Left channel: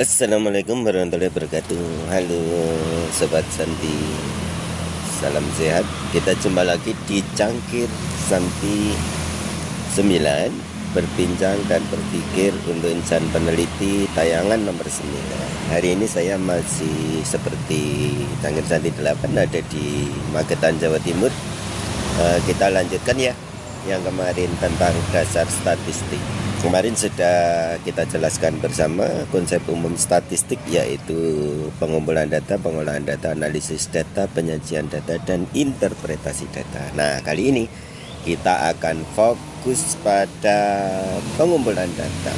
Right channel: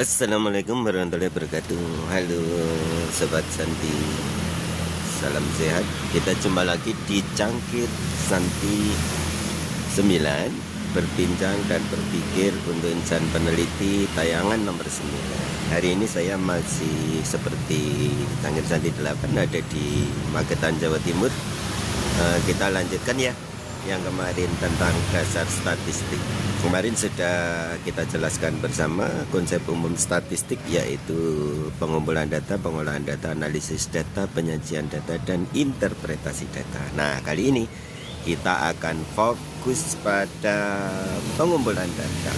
Assalamualaikum warahmatullahi wabarakatuh. Halo Sobat Santi, salam sehat. Kita jumpa lagi di Cangkir Santi 9, berbincang dan berpikir untuk insan peneliti, tayangan nomor 9. Hari ini saya masih seperti Cangkir Santi 8 ada di Magetan, Jawa Timur. Kita lanjutkan ya yang kemarin tentang dasar statistik. Kemarin sudah kita jelaskan bersama konsep umum statistik, yaitu pengumpulan data, pengolahan data, analisis data, penyajian data, dan interpretasi data. Nah, kali ini kita akan fokus pada pengumpulan data.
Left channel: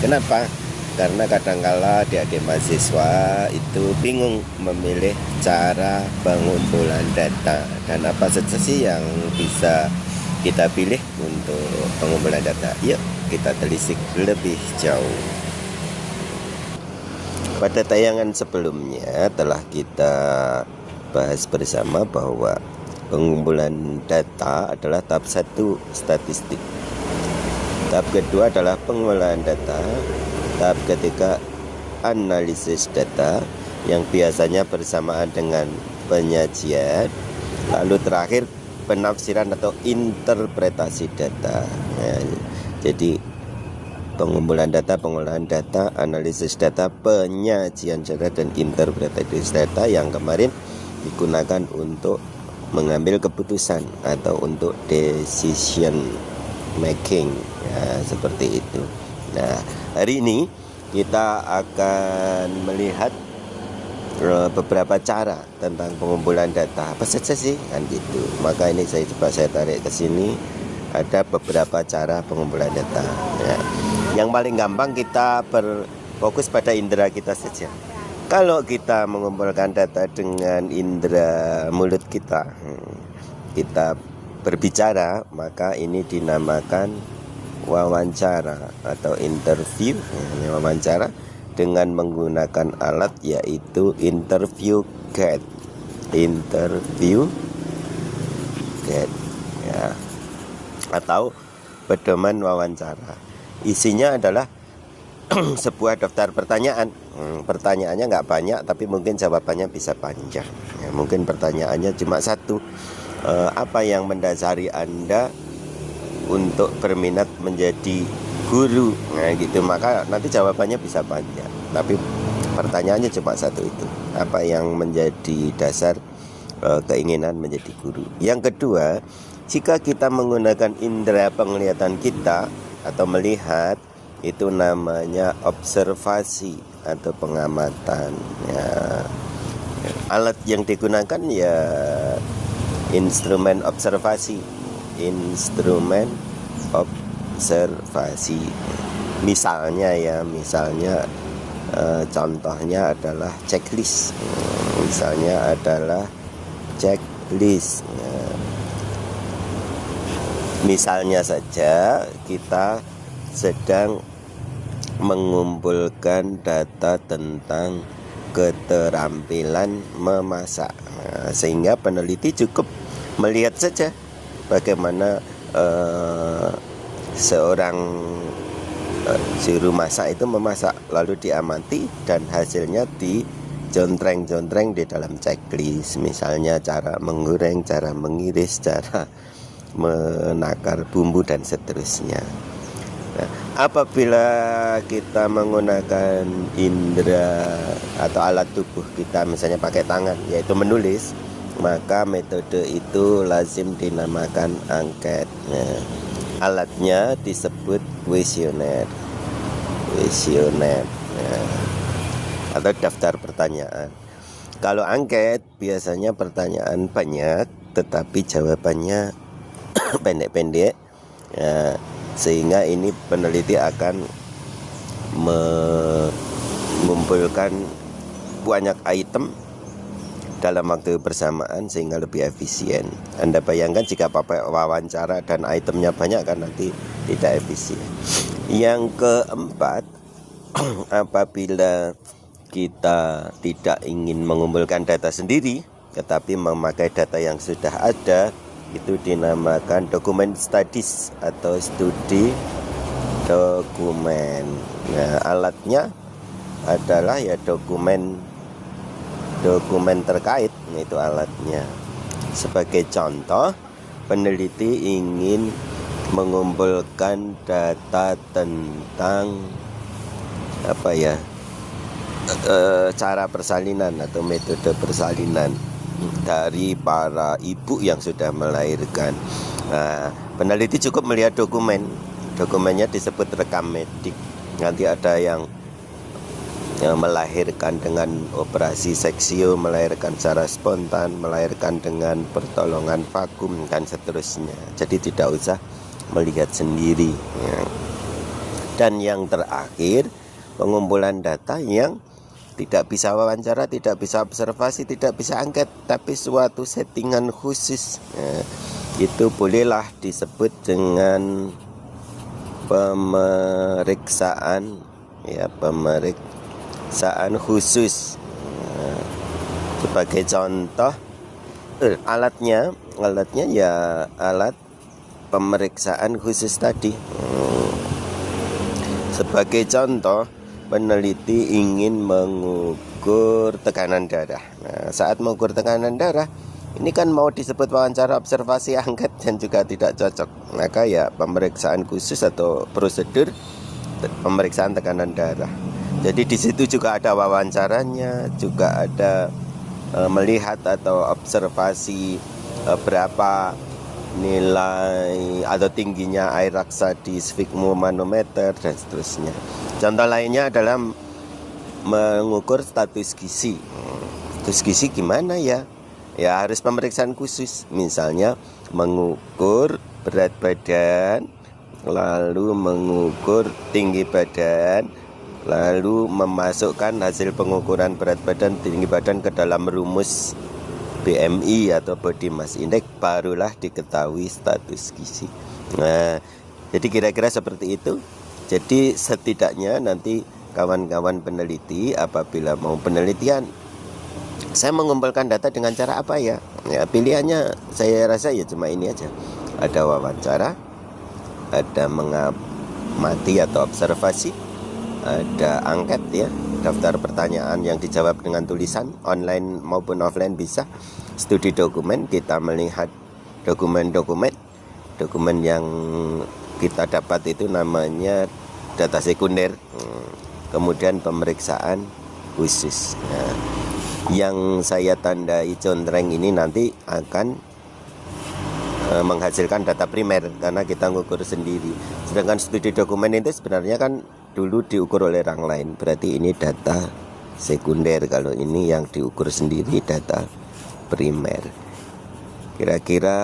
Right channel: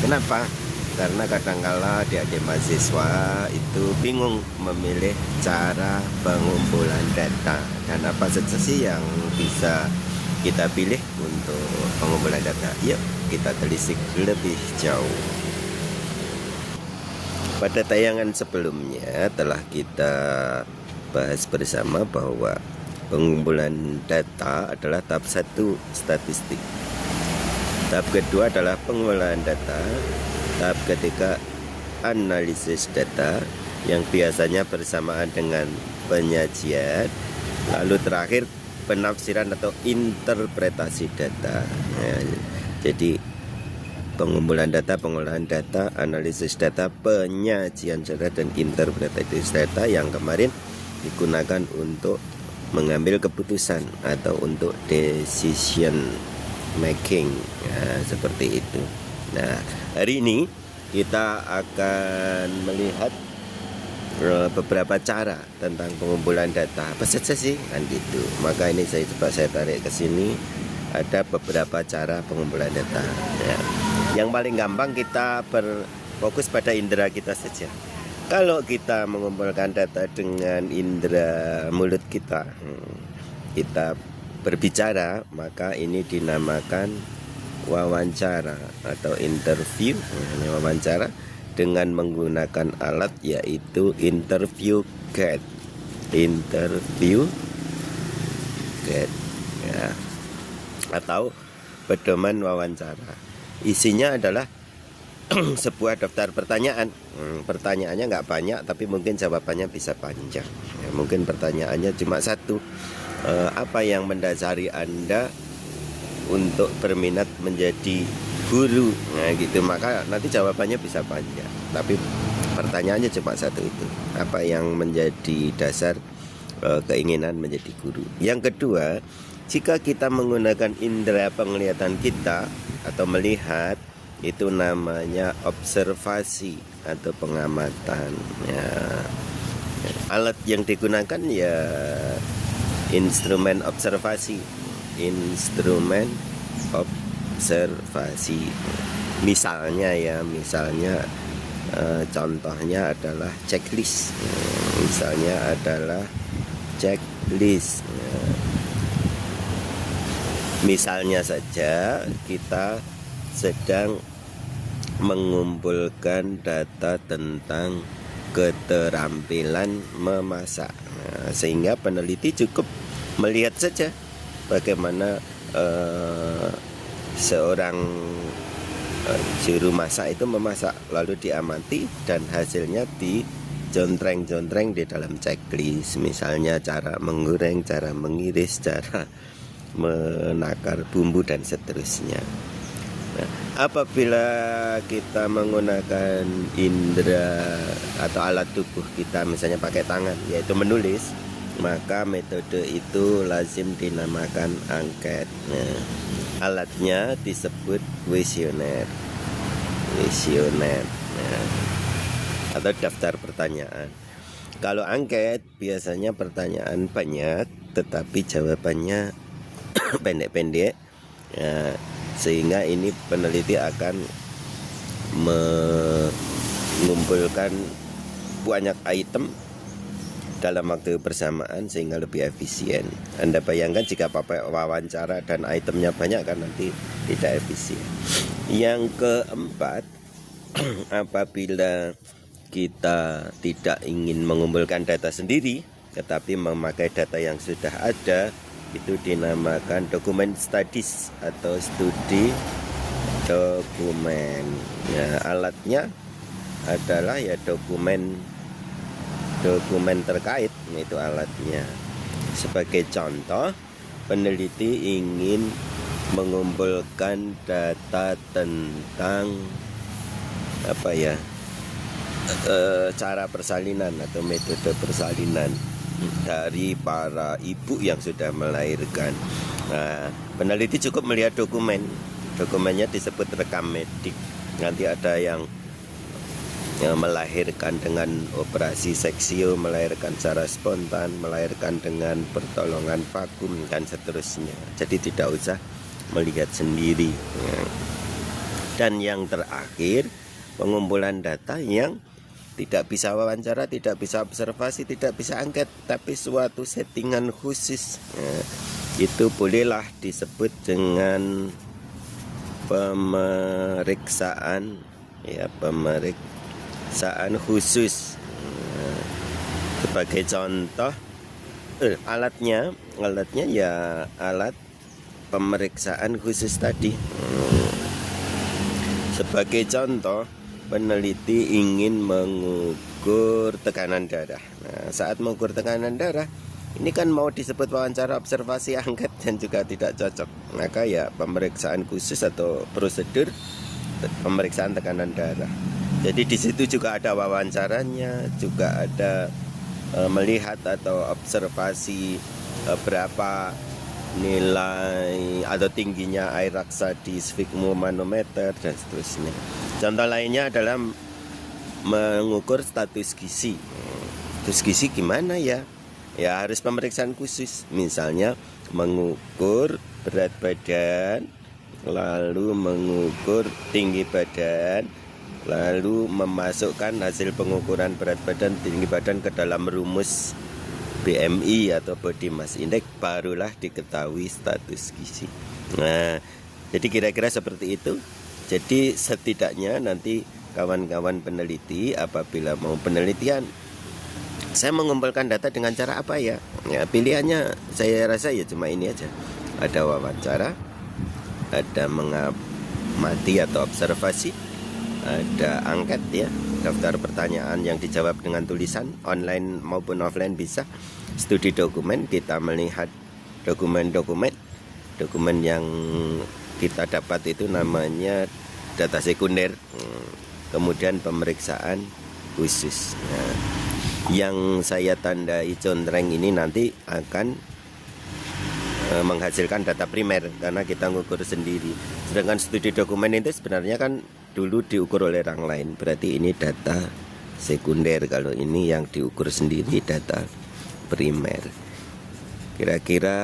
Kenapa? Karena kadangkala adik-adik mahasiswa itu bingung memilih cara pengumpulan data dan apa saja sih yang bisa kita pilih untuk pengumpulan data. Yuk kita telisik lebih jauh. Pada tayangan sebelumnya telah kita bahas bersama bahwa pengumpulan data adalah tahap 1 statistik, tahap kedua adalah pengolahan data, tahap ketiga analisis data yang biasanya bersamaan dengan penyajian, lalu terakhir penafsiran atau interpretasi data. Nah, jadi pengumpulan data, pengolahan data, analisis data, penyajian data, dan interpretasi data yang kemarin digunakan untuk mengambil keputusan atau untuk decision making, ya, seperti itu. Nah, hari ini kita akan melihat beberapa cara tentang pengumpulan data. Apa saja sih kan gitu. Maka ini saya tarik ke sini. Ada beberapa cara pengumpulan data ya. Yang paling gampang kita berfokus pada indera kita saja. Kalau kita mengumpulkan data dengan indera mulut kita, kita berbicara, maka ini dinamakan wawancara atau interview. Wawancara dengan menggunakan alat yaitu interview guide. Interview guide ya, atau pedoman wawancara. Isinya adalah sebuah daftar pertanyaan. Pertanyaannya nggak banyak, tapi mungkin jawabannya bisa panjang ya, mungkin pertanyaannya cuma satu. Apa yang mendasari Anda untuk berminat menjadi guru? Nah gitu, maka nanti jawabannya bisa panjang, tapi pertanyaannya cuma satu itu. Apa yang menjadi dasar keinginan menjadi guru? Yang kedua, jika kita menggunakan indera penglihatan kita atau melihat, itu namanya observasi atau pengamatan ya. Alat yang digunakan ya instrumen observasi. Instrumen observasi. Misalnya contohnya adalah checklist. Misalnya adalah checklist ya. Misalnya saja kita sedang mengumpulkan data tentang keterampilan memasak. Nah, sehingga peneliti cukup melihat saja bagaimana seorang juru masak itu memasak, lalu diamati dan hasilnya dijontreng-jontreng di dalam checklist. Misalnya cara menggoreng, cara mengiris, cara menakar bumbu, dan seterusnya. Nah, apabila kita menggunakan indera atau alat tubuh kita, misalnya pakai tangan, yaitu menulis, maka metode itu lazim dinamakan angket. Nah, alatnya disebut kuesioner ya, atau daftar pertanyaan. Kalau angket biasanya pertanyaan banyak tetapi jawabannya pendek-pendek ya, sehingga ini peneliti akan mengumpulkan banyak item dalam waktu bersamaan sehingga lebih efisien. Anda bayangkan jika pakai wawancara dan itemnya banyak, kan nanti tidak efisien. Yang keempat, apabila kita tidak ingin mengumpulkan data sendiri tetapi memakai data yang sudah ada, itu dinamakan dokumen studies atau studi dokumen. Nah, alatnya adalah ya dokumen terkait, itu alatnya. Sebagai contoh, peneliti ingin mengumpulkan data tentang cara persalinan atau metode persalinan dari para ibu yang sudah melahirkan. Peneliti cukup melihat dokumennya disebut rekam medik. Nanti ada yang melahirkan dengan operasi seksio, melahirkan secara spontan, melahirkan dengan pertolongan vakum, dan seterusnya. Jadi tidak usah melihat sendiri. Dan yang terakhir, pengumpulan data yang tidak bisa wawancara, tidak bisa observasi, tidak bisa angket, tapi suatu settingan khusus. Itu bolehlah disebut dengan pemeriksaan khusus. Sebagai contoh, alatnya ya alat pemeriksaan khusus tadi. Sebagai contoh, peneliti ingin mengukur tekanan darah. Saat mengukur tekanan darah, ini kan mau disebut wawancara, observasi, angket, dan juga tidak cocok. Maka ya pemeriksaan khusus atau prosedur pemeriksaan tekanan darah. Jadi di situ juga ada wawancaranya, juga ada melihat atau observasi berapa nilai atau tingginya air raksa di sfigmomanometer dan seterusnya. Contoh lainnya adalah mengukur status gizi. Status gizi gimana ya? Ya harus pemeriksaan khusus. Misalnya mengukur berat badan, lalu mengukur tinggi badan, lalu memasukkan hasil pengukuran berat badan, tinggi badan ke dalam rumus BMI atau Body Mass Index, barulah diketahui status gizi. Nah, jadi kira-kira seperti itu. Jadi setidaknya nanti kawan-kawan peneliti apabila mau penelitian, saya mengumpulkan data dengan cara apa ya? Ya pilihannya saya rasa ya cuma ini aja. Ada wawancara, ada mengamati atau observasi, ada angket ya, daftar pertanyaan yang dijawab dengan tulisan, online maupun offline bisa. Studi dokumen, kita melihat dokumen yang kita dapat itu namanya data sekunder. Kemudian pemeriksaan khusus. Nah, yang saya tandai contreng ini nanti akan menghasilkan data primer karena kita ngukur sendiri. Sedangkan studi dokumen itu sebenarnya kan dulu diukur oleh orang lain, berarti ini data sekunder. Kalau ini yang diukur sendiri data primer. Kira-kira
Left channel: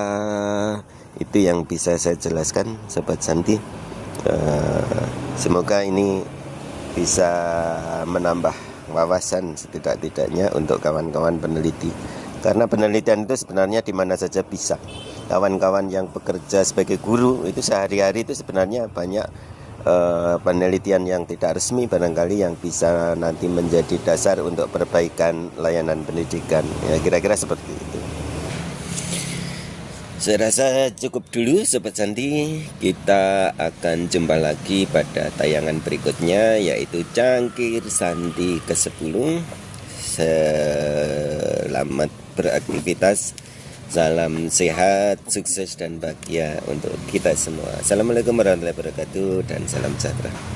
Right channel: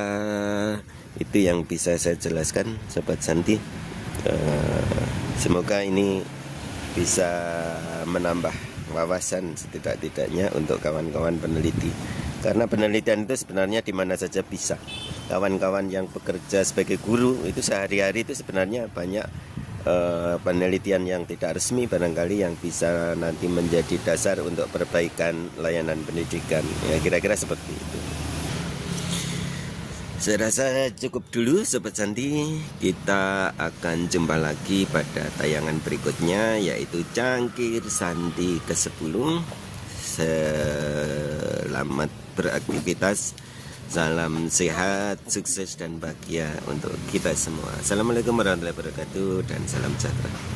itu yang bisa saya jelaskan, Sobat Santi. Semoga ini bisa menambah wawasan setidak-tidaknya untuk kawan-kawan peneliti. Karena penelitian itu sebenarnya di mana saja bisa. Kawan-kawan yang bekerja sebagai guru itu sehari-hari itu sebenarnya banyak penelitian yang tidak resmi barangkali yang bisa nanti menjadi dasar untuk perbaikan layanan pendidikan. Ya, kira-kira seperti itu. Saya rasa cukup dulu Sobat Santi. Kita akan jumpa lagi pada tayangan berikutnya, yaitu Cangkir Santi ke-10. Selamat beraktivitas. Salam sehat, sukses dan bahagia untuk kita semua. Assalamualaikum warahmatullahi wabarakatuh dan salam sejahtera.